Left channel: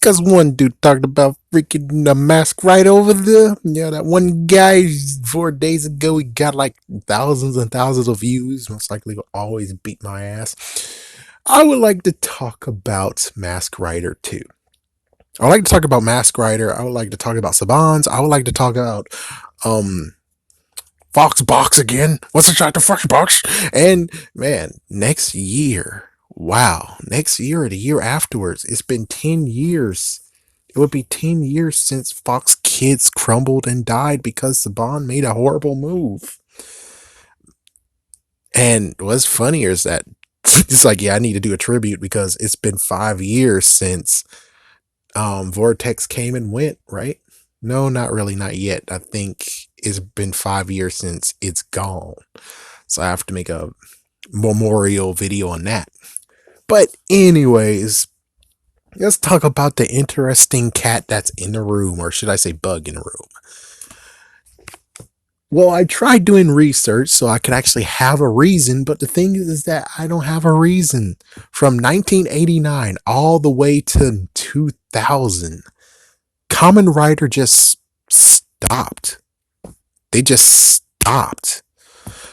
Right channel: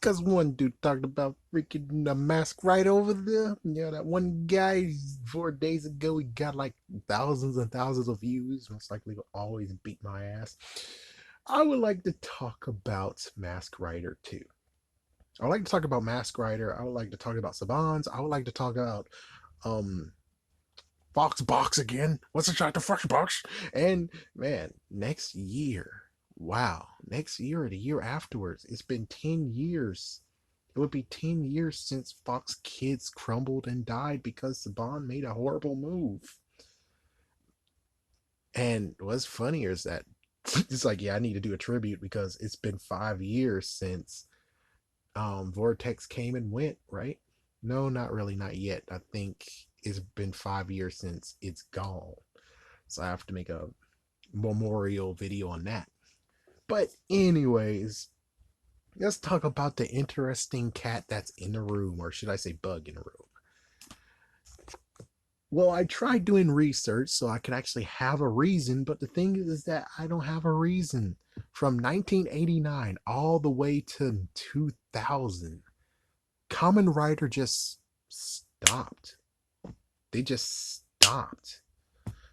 Because one dude talked about freaking the mask right over there. Yeah, that one guy 4 days ago, he got like thousands and thousands of views. Most likely will always beat my ass. I would like to talk about Mask Rider too. I would like to talk about Mask Rider. I would like to talk about Sabans. I would like to talk about um FoxBox again. What's the shot to FoxBox? And man, next year. Wow. Next year or the year afterwards. It's been 10 years. It would be 10 years since Fox Kids crumbled and died because Saban made a horrible move. And what's funnier is that it's like, yeah, I need to do a tribute because it's been 5 years since Vortex came and went, right? No, not really, not yet. I think it's been 5 years since it's gone. So I have to make a memorial video on that. But anyways, let's talk about the interesting cat that's in the room, or should I say bug in the room. Well, I tried doing research so I could actually have a reason, but the thing is that I don't have a reason. From 1989 all the way to 2000, Kamen Rider just stopped. They just stopped.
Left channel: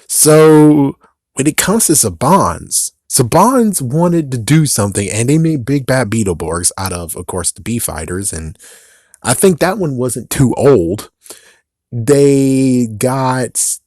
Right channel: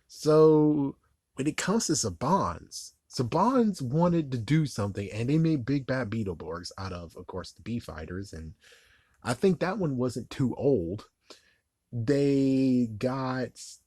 So when it comes to Sabans wanted to do something, and they made Big Bad Beetleborgs out of course, the Bee Fighters, and I think that one wasn't too old. They got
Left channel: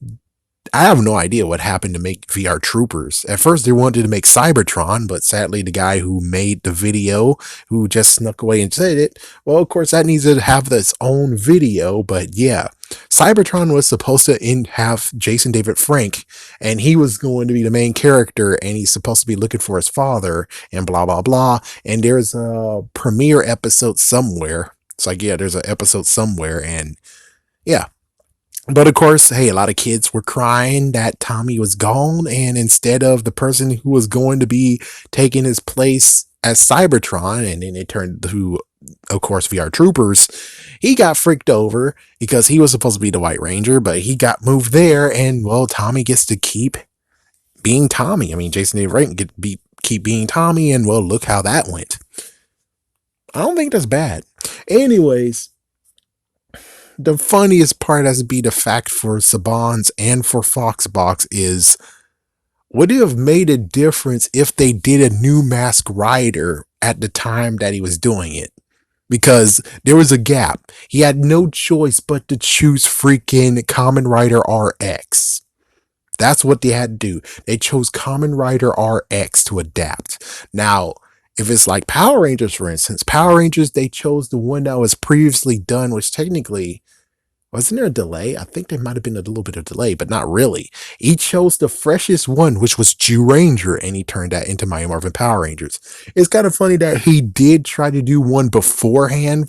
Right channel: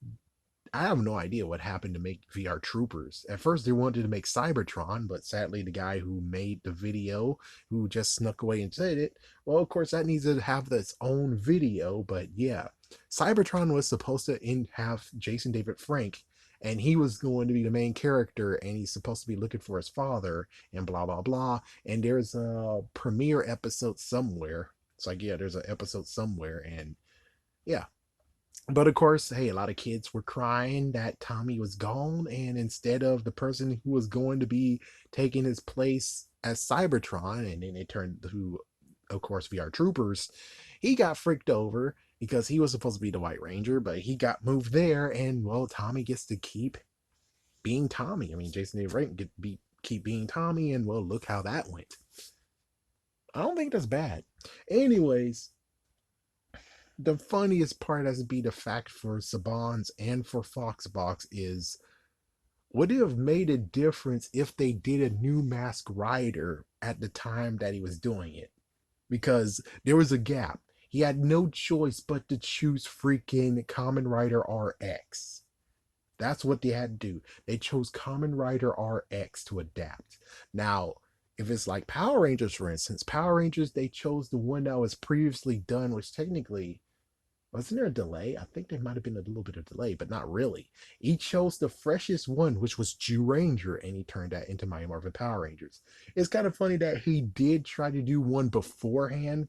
I have no idea what happened to make VR Troopers. At first, they wanted to make Cybertron, but sadly, the guy who made the video, who just snuck away and said it, well, of course, that needs to have its own video. But yeah, Cybertron was supposed to have Jason David Frank, and he was going to be the main character, and he's supposed to be looking for his father, and blah, blah, blah. And there's a premiere episode somewhere. It's like, yeah, there's an episode somewhere, and yeah. But of course, hey, a lot of kids were crying that Tommy was gone, and instead of the person who was going to be taking his place as Cybertron, and then it turned to, of course, VR Troopers, he got freaked over because he was supposed to be the White Ranger, but he got moved there, and well, Tommy gets to keep being Tommy. I mean, Jason David Frank keep being Tommy, and well, look how that went. I don't think that's bad. Anyways, the funniest part has to be the fact for Sabans and for FoxBox is, would it have made a difference if they did a new Mask Rider at the time that he was doing it? Because there was a gap. He had no choice but to choose freaking Kamen Rider RX. That's what they had to do. They chose Kamen Rider RX to adapt. Now, if it's like Power Rangers, for instance, Power Rangers, they chose the one that was previously done, which technically, wasn't there a delay? I think there might have been a little bit of delay, but not really. He chose the freshest one, which was Jew Ranger, and he turned that into Mighty Morphin Power Rangers. It's kind of funny that he did try to do one beforehand,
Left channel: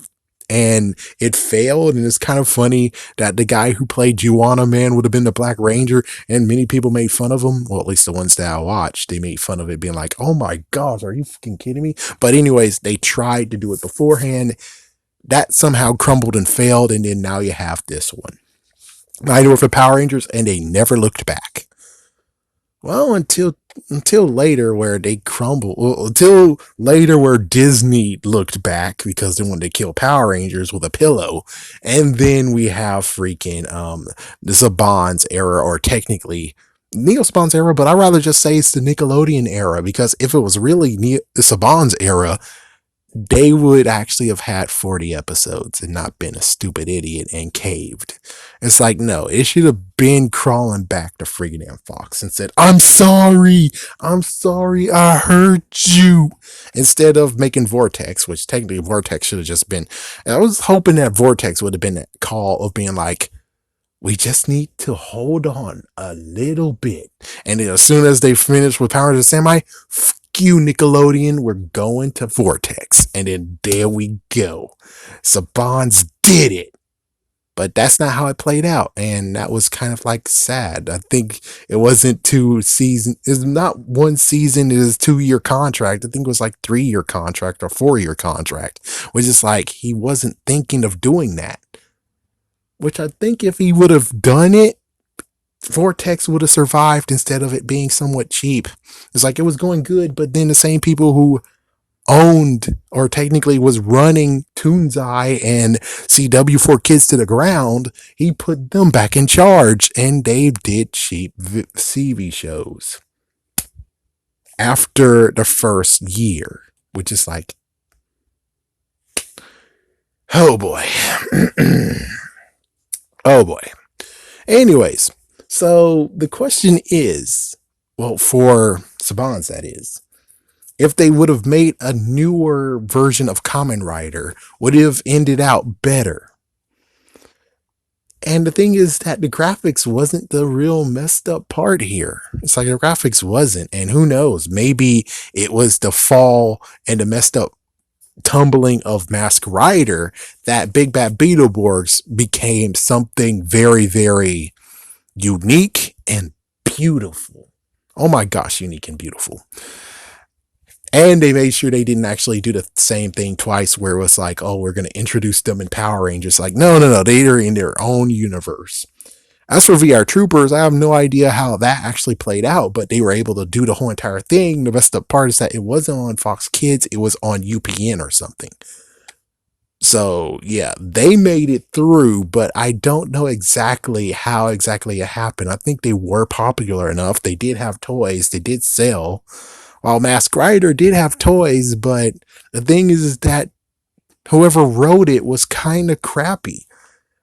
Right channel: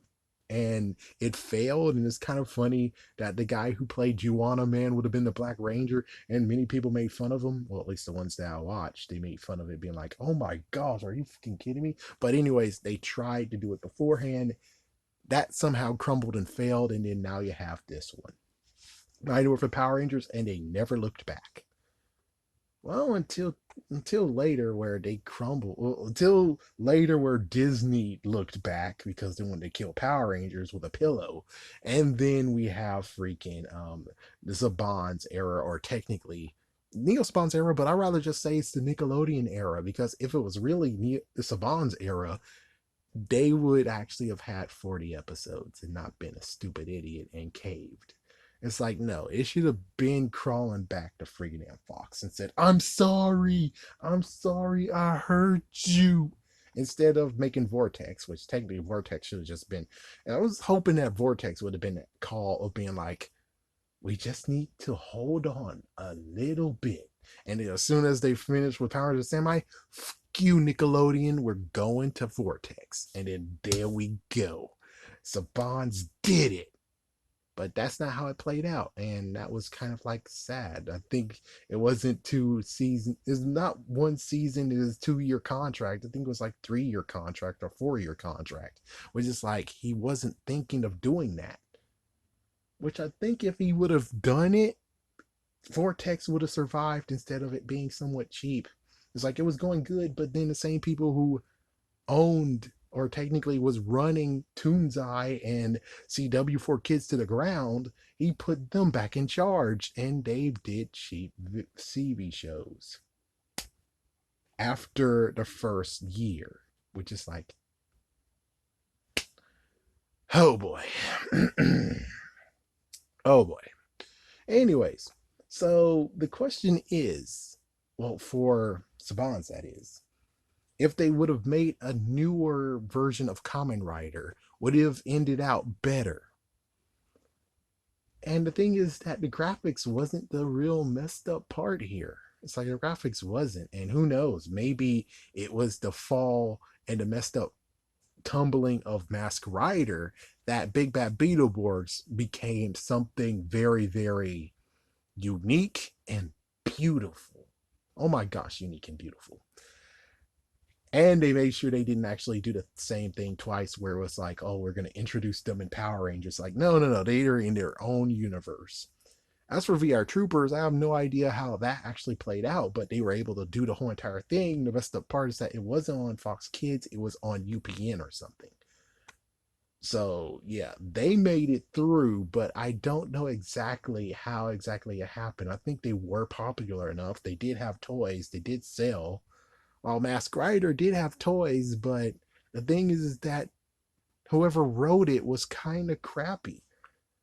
and it failed, and it's kind of funny that the guy who played Juana Man would have been the Black Ranger, and many people made fun of him. Well, at least the ones that I watched, they made fun of it, being like, oh my gosh, are you fucking kidding me? But anyways, they tried to do it beforehand. That somehow crumbled and failed, and then now you have this one. I do it for Power Rangers, and they never looked back. Well, until later, where they crumbled. Well, until later, where Disney looked back because they wanted to kill Power Rangers with a pillow, and then we have freaking the Saban's era, or technically Neo Spawn's era, but I'd rather just say it's the Nickelodeon era, because if it was really the Saban's era, they would actually have had 40 episodes and not been a stupid idiot and caved. It's like, no, it should have been crawling back to friggin' damn Fox and said, I'm sorry, I hurt you. Instead of making Vortex, which technically Vortex should have just been, and I was hoping that Vortex would have been that call of being like, we just need to hold on a little bit. And then as soon as they finish with Power Rangers Semi, you Nickelodeon, we're going to Vortex, and then there we go. Saban's did it, but that's not how it played out, and that was kind of like sad. I think it wasn't 2 seasons. It's not 1 season. It is 2-year contract. I think it was like 3-year contract or 4-year contract, which is like he wasn't thinking of doing that. Which I think if he would have done it, Vortex would have survived instead of it being somewhat cheap. It's like it was going good, but then the same people who owned or technically was running Toonzai and CW for Kids to the ground, he put them back in charge and they did cheap CV shows after the first year, which is like, oh boy. Oh boy. Anyways, so the question is, well, for Saban's that is, if they would have made a newer version of Kamen Rider, would it have ended out better? And the thing is that the graphics wasn't the real messed up part here. It's like the graphics wasn't, and who knows, maybe it was the fall and the messed up tumbling of Mask Rider that Big Bad Beetleborgs became something very, very unique and beautiful. Oh my gosh, unique and beautiful. And they made sure they didn't actually do the same thing twice where it was like, oh, we're going to introduce them in Power Rangers. Like, no, no, no. They are in their own universe. As for VR Troopers, I have no idea how that actually played out, but they were able to do the whole entire thing. The best part is that it wasn't on Fox Kids, it was on UPN or something. So, yeah, they made it through, but I don't know exactly how exactly it happened. I think they were popular enough. They did have toys, they did sell. While Mask Rider did have toys, but the thing is that whoever wrote it was kind of crappy.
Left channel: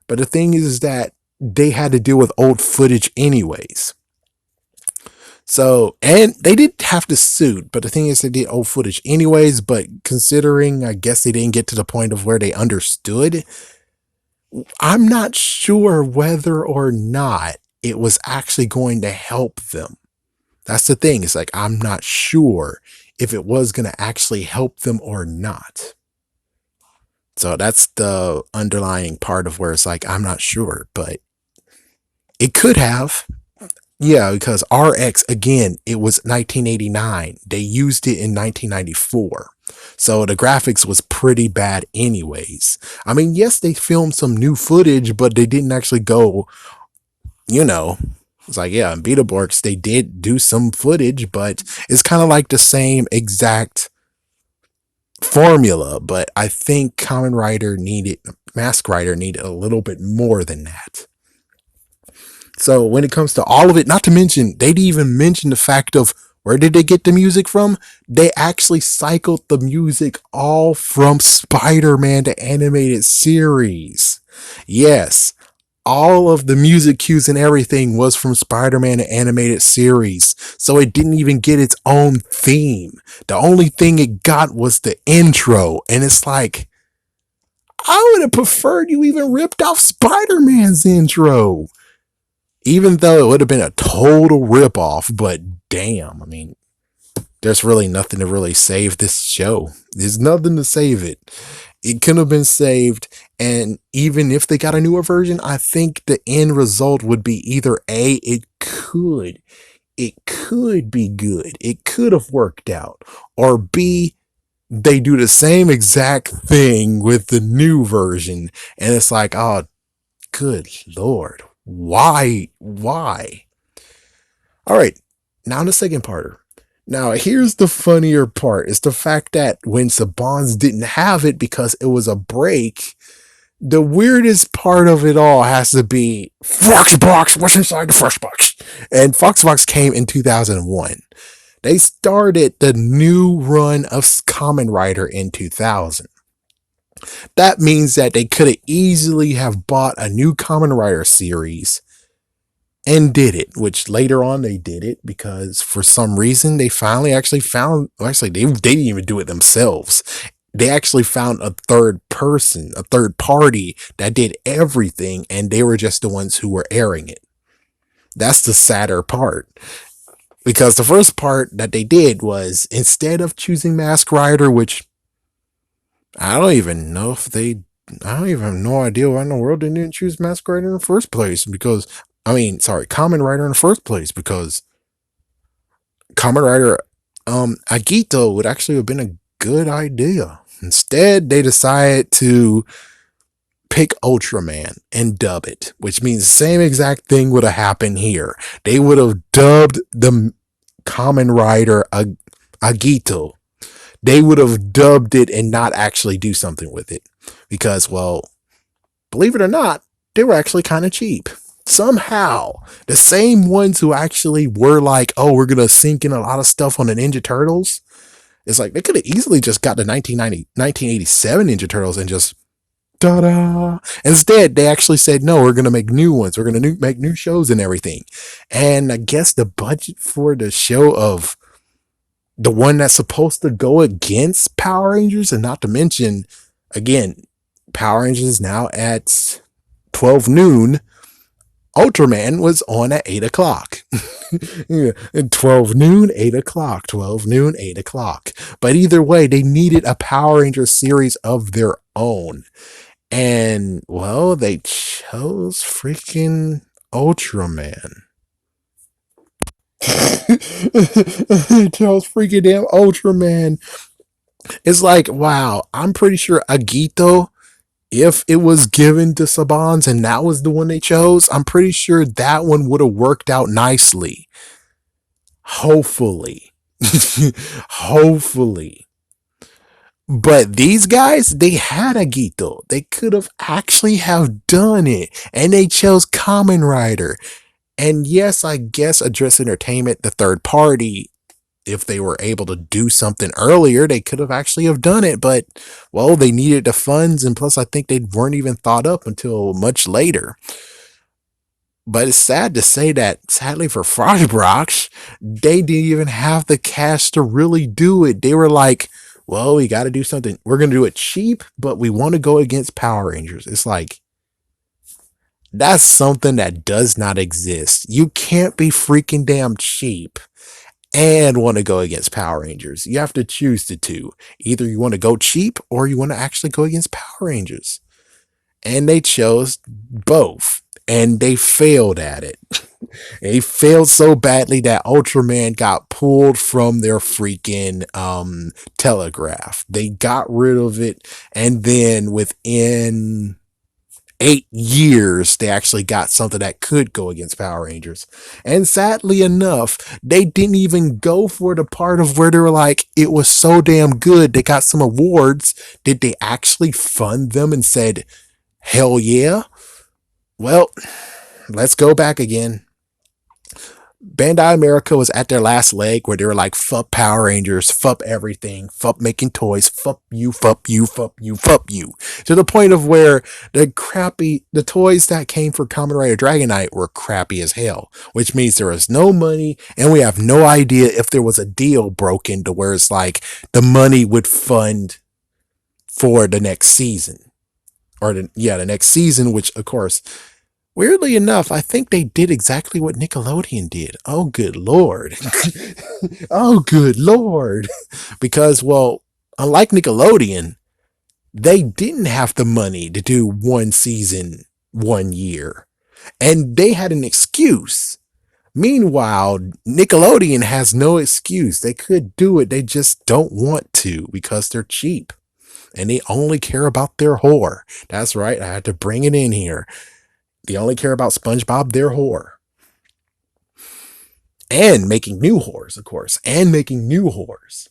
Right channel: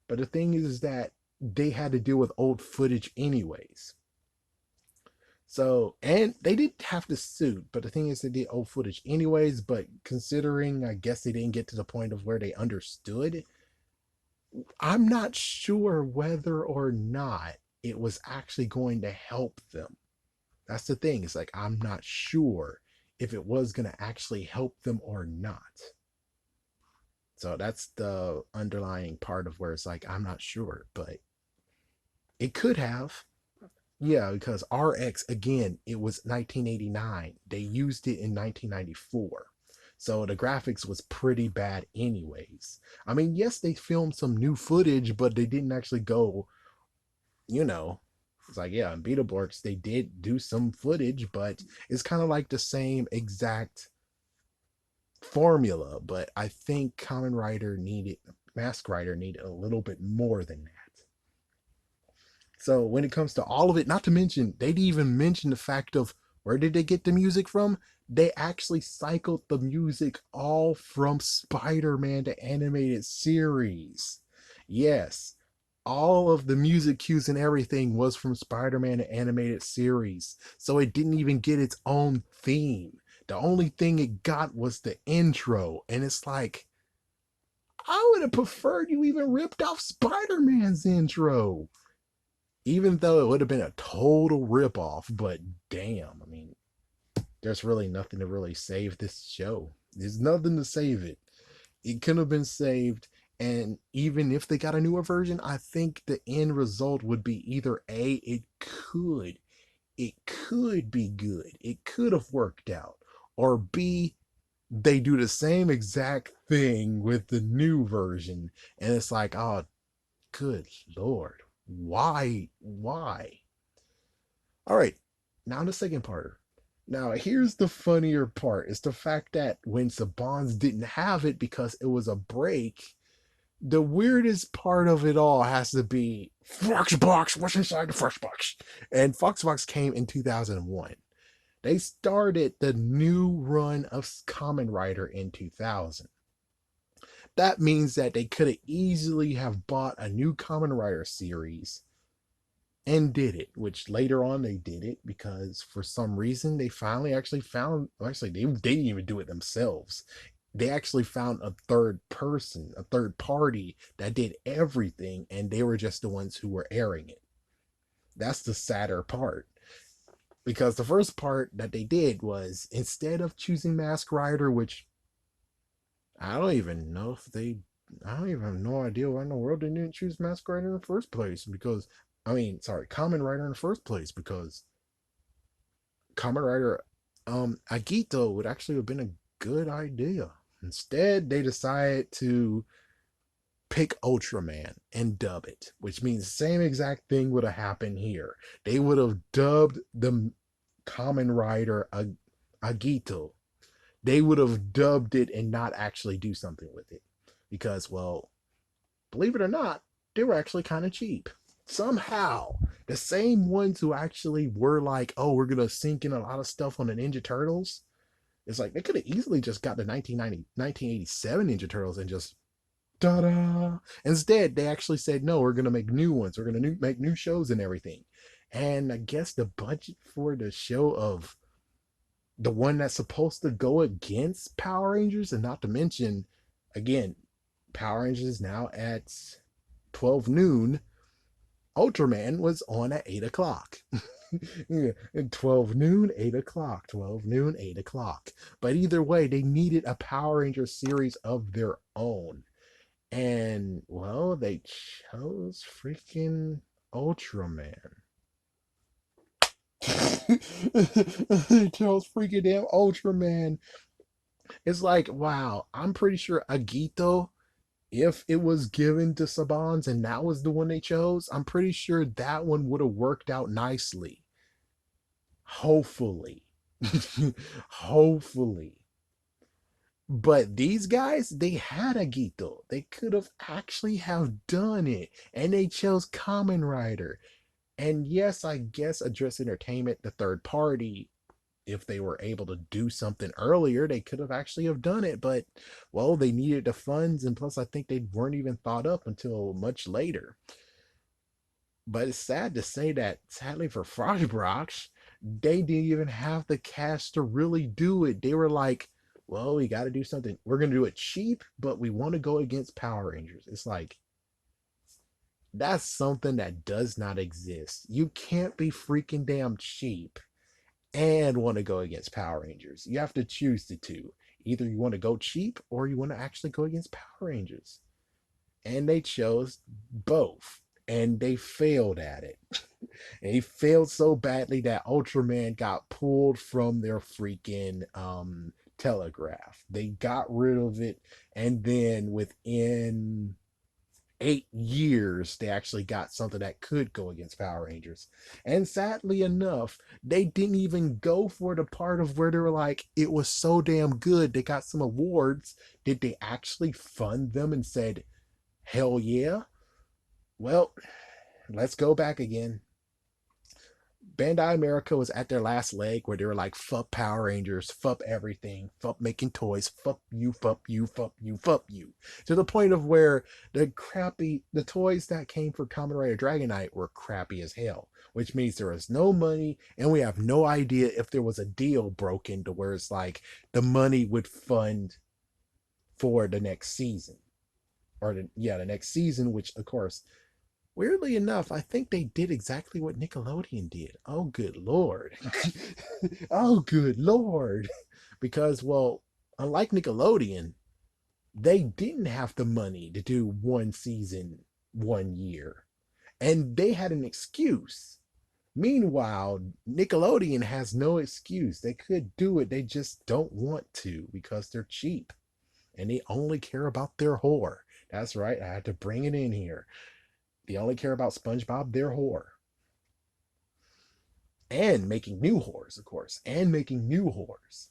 But the thing is that they had to deal with old footage anyways. So, and they did have to suit, but the thing is they did old footage anyways, but considering I guess they didn't get to the point of where they understood, I'm not sure whether or not it was actually going to help them. That's the thing. It's like, I'm not sure if it was going to actually help them or not. So that's the underlying part of where it's like, I'm not sure, but it could have. Yeah, because RX, again, it was 1989. They used it in 1994. So the graphics was pretty bad anyways. I mean, yes, they filmed some new footage, but they didn't actually go, you know, it's like, yeah, in Beetleborgs, they did do some footage, but it's kind of like the same exact formula. But I think Mask Rider needed a little bit more than that. So when it comes to all of it, not to mention, they didn't even mention the fact of where did they get the music from? They actually cycled the music all from Spider-Man, the animated series. Yes, all of the music cues and everything was from Spider-Man the animated series. So it didn't even get its own theme. The only thing it got was the intro. And it's like, I would have preferred you even ripped off Spider-Man's intro. Even though it would have been a total ripoff, but damn, I mean, there's really nothing to really save this show. There's nothing to save it. It could have been saved, and even if they got a newer version, I think the end result would be either A, it could be good. It could have worked out. Or B, they do the same exact thing with the new version, and it's like, oh, good Lord. Why? Why? All right. Now the second parter. Now here's the funnier part. It's the fact that when Saban's didn't have it because it was a break, the weirdest part of it all has to be FoxBox. What's inside the FoxBox? And FoxBox came in 2001. They started the new run of Kamen Rider in 2000. That means that they could have easily have bought a new Kamen Rider series and did it, which later on they did it because for some reason they finally actually found, actually they didn't even do it themselves. They actually found a third person, a third party that did everything, and they were just the ones who were airing it. That's the sadder part. Because the first part that they did was instead of choosing Mask Rider, which I don't even know if they, I don't even have no idea why in the world they didn't choose Mask Rider in the first place. Because, I mean, sorry, Kamen Rider in the first place. Because Kamen Rider Agito would actually have been a good idea. Instead, they decided to pick Ultraman and dub it, which means the same exact thing would have happened here. They would have dubbed the Kamen Rider Agito. they would have dubbed it and not actually do something with it. Because, well, believe it or not, they were actually kind of cheap. Somehow, the same ones who actually were like, oh, we're going to sink in a lot of stuff on the Ninja Turtles. It's like they could have easily just got the 1987 Ninja Turtles and just ta-da. Instead, they actually said, no, we're going to make new ones. We're going to make new shows and everything. And I guess the budget for the show of the one that's supposed to go against Power Rangers, and not to mention, again, Power Rangers is now at 12 noon. Ultraman was on at 8 o'clock. Yeah, 12 noon, 8 o'clock, 12 noon, 8 o'clock. But either way, they needed a Power Ranger series of their own. And, well, they chose freaking Ultraman. They chose freaking damn Ultraman. It's like, wow, I'm pretty sure Agito, if it was given to Sabans and that was the one they chose, I'm pretty sure that one would have worked out nicely. Hopefully. Hopefully. But these guys, they had Agito. They could have actually have done it. And they chose Kamen Rider. And yes, I guess Address Entertainment, the third party, if they were able to do something earlier, they could have actually have done it. But, well, they needed the funds. And plus, I think they weren't even thought up until much later. But it's sad to say that, sadly for FoxBox, they didn't even have the cash to really do it. They were like, well, we got to do something. We're going to do it cheap, but we want to go against Power Rangers. It's like, that's something that does not exist. You can't be freaking damn cheap and want to go against Power Rangers. You have to choose the two. Either you want to go cheap or you want to actually go against Power Rangers. And they chose both. And they failed at it. They failed so badly that Ultraman got pulled from their freaking telegraph. They got rid of it. And then within 8 years, they actually got something that could go against Power Rangers. And sadly enough, they didn't even go for the part of where they were like, it was so damn good, they got some awards. Did they actually fund them and said, hell yeah? Well, let's go back again. Bandai America was at their last leg where they were like, fuck Power Rangers, fuck everything, fuck making toys, fuck you, fuck you, fuck you, fuck you. To the point of where the toys that came for Kamen Rider Dragon Knight were crappy as hell, which means there was no money and we have no idea if there was a deal broken to where it's like the money would fund for the next season. Or the next season, which of course, weirdly enough, I think they did exactly what Nickelodeon did. Oh, good Lord. Oh, good Lord. Because, well, unlike Nickelodeon, they didn't have the money to do one season, 1 year. And they had an excuse. Meanwhile, Nickelodeon has no excuse. They could do it. They just don't want to because they're cheap. And they only care about their whore. That's right. I had to bring it in here. They only care about SpongeBob, their whore. And making new whores, of course. And making new whores.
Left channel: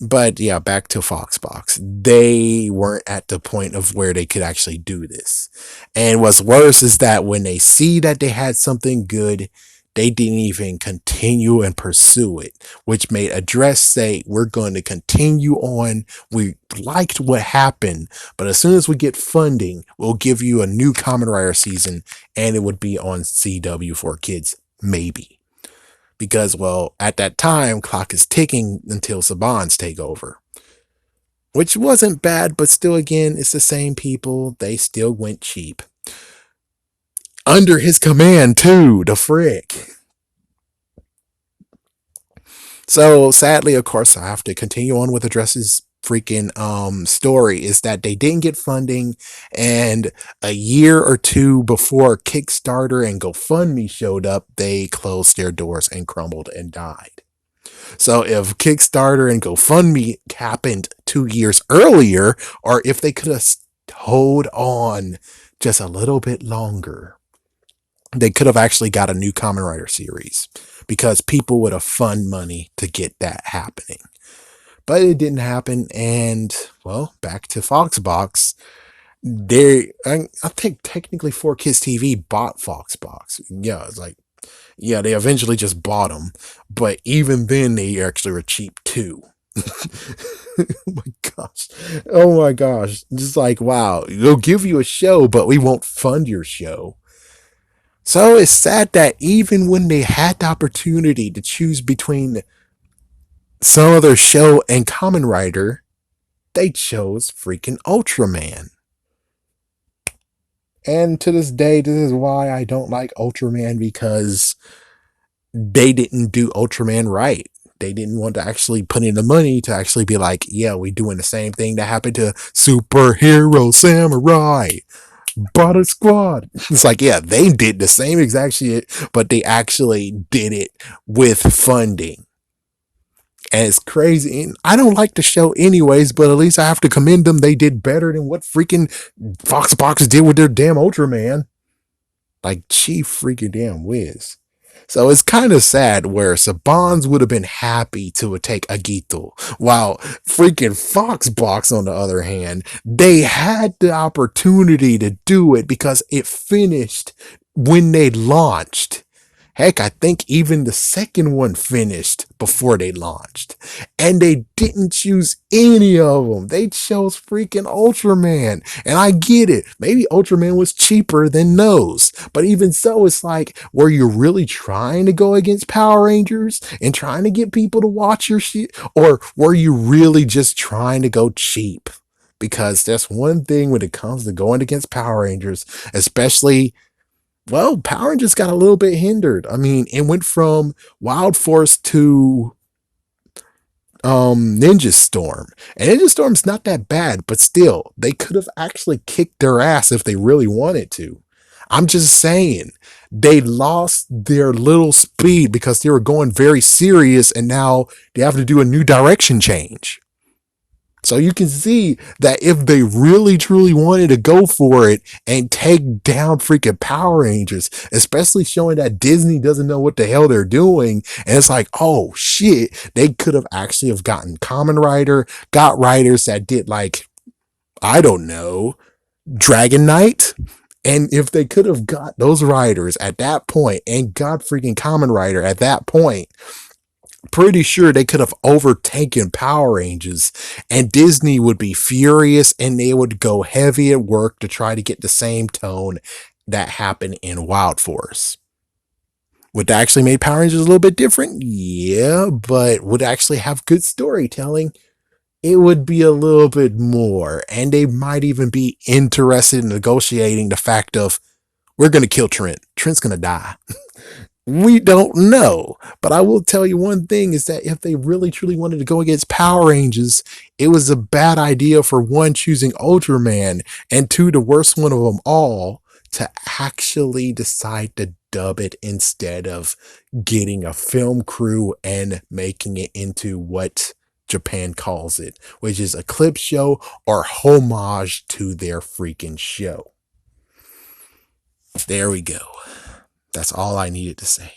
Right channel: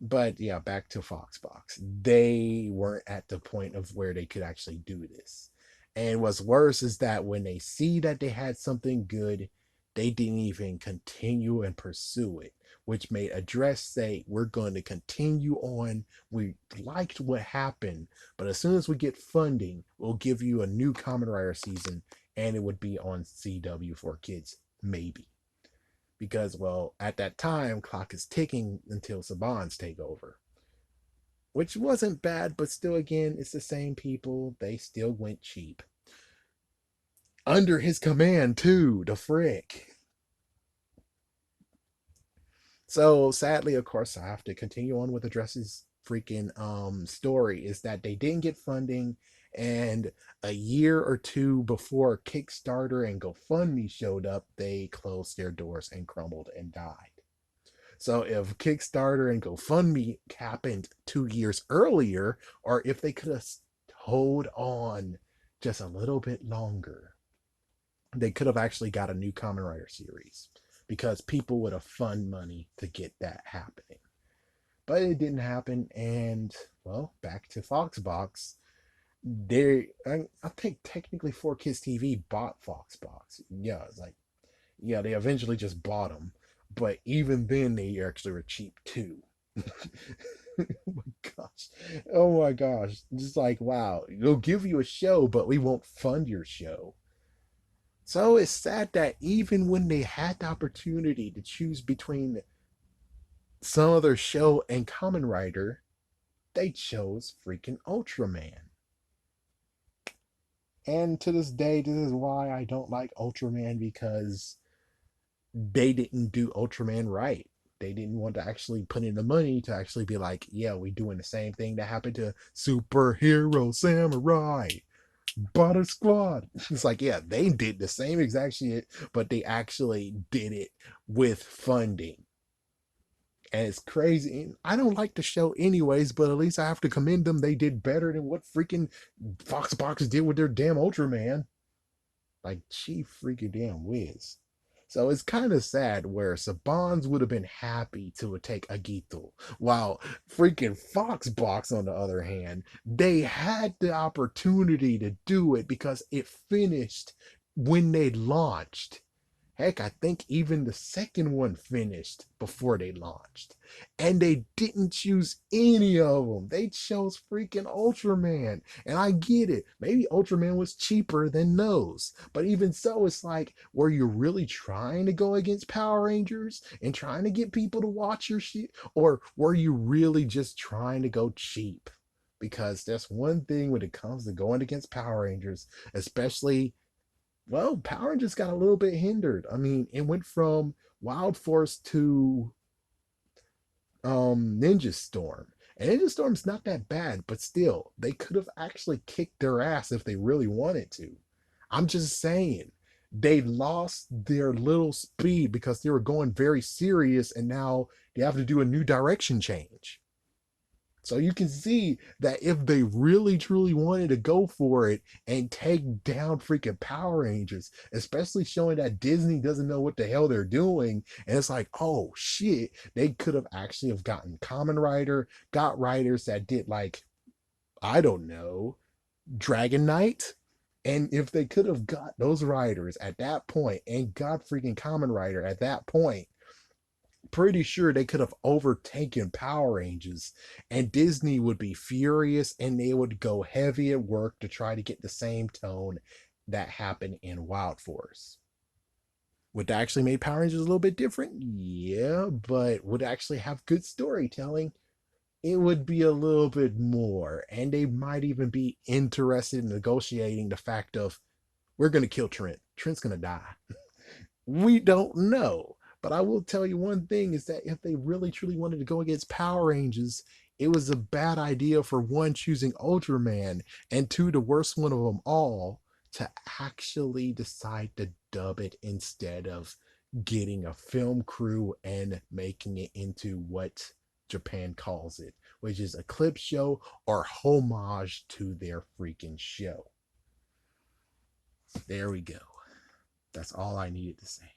But yeah, back to FoxBox. They weren't at the point of where they could actually do this. And what's worse is that when they see that they had something good, they didn't even continue and pursue it, which made Address say, we're going to continue on. We liked what happened, but as soon as we get funding, we'll give you a new Kamen Rider season, and it would be on CW for kids, maybe. Because, well, at that time, clock is ticking until Saban's take over. Which wasn't bad, but still, again, it's the same people. They still went cheap. Under his command, too, the frick. So, sadly, of course, I have to continue on with Address's freaking story, is that they didn't get funding, and a year or two before Kickstarter and GoFundMe showed up, they closed their doors and crumbled and died. So if Kickstarter and GoFundMe happened 2 years earlier, or if they could have hold on just a little bit longer, they could have actually got a new Kamen Rider series. because people would have fund money to get that happening. But it didn't happen, and well, back to FoxBox. I think technically 4Kids TV bought FoxBox. Yeah, it's like, yeah, they eventually just bought them, but even then they actually were cheap too. Oh my gosh. Oh my gosh. Just like, wow, we'll give you a show, but we won't fund your show. So it's sad that even when they had the opportunity to choose between some other show and Kamen Rider, they chose freaking Ultraman. And to this day, this is why I don't like Ultraman, because they didn't do Ultraman right. They didn't want to actually put in the money to actually be like, yeah, we doing the same thing that happened to Superhero Samurai, Butter Squad. It's like, yeah, they did the same exact shit, but they actually did it with funding. And it's crazy. And I don't like the show anyways, but at least I have to commend them. They did better than what freaking FoxBox did with their damn Ultraman. Like, chief freaking damn whiz. So it's kind of sad where Saban's would have been happy to take Agito, while freaking FoxBox, on the other hand, they had the opportunity to do it because it finished when they launched. Heck, I think even the second one finished before they launched. And they didn't choose any of them. They chose freaking Ultraman. And I get it. Maybe Ultraman was cheaper than those. But even so, it's like, were you really trying to go against Power Rangers and trying to get people to watch your shit? Or were you really just trying to go cheap? Because that's one thing when it comes to going against Power Rangers, especially, well, Power Rangers got a little bit hindered. I mean, it went from Wild Force to Ninja Storm. And Ninja Storm's not that bad, but still, they could have actually kicked their ass if they really wanted to. I'm just saying, they lost their little speed because they were going very serious, and now they have to do a new direction change. So you can see that if they really truly wanted to go for it and take down freaking Power Rangers, especially showing that Disney doesn't know what the hell they're doing, and it's like, oh shit, they could have actually have gotten Kamen Rider, got writers that did, like, I don't know, Dragon Knight. And if they could have got those writers at that point and got freaking Kamen Rider at that point, pretty sure they could have overtaken Power Rangers, and Disney would be furious, and they would go heavy at work to try to get the same tone that happened in Wild Force. Would that actually make Power Rangers a little bit different? Yeah, but would actually have good storytelling? It would be a little bit more, and they might even be interested in negotiating the fact of, we're going to kill Trent. Trent's going to die. We don't know. But I will tell you one thing is that if they really truly wanted to go against Power Rangers, it was a bad idea for one, choosing Ultraman, and two, the worst one of them all, to actually decide to dub it instead of getting a film crew and making it into what Japan calls it, which is a clip show or homage to their freaking show. There we go. That's all I needed to say.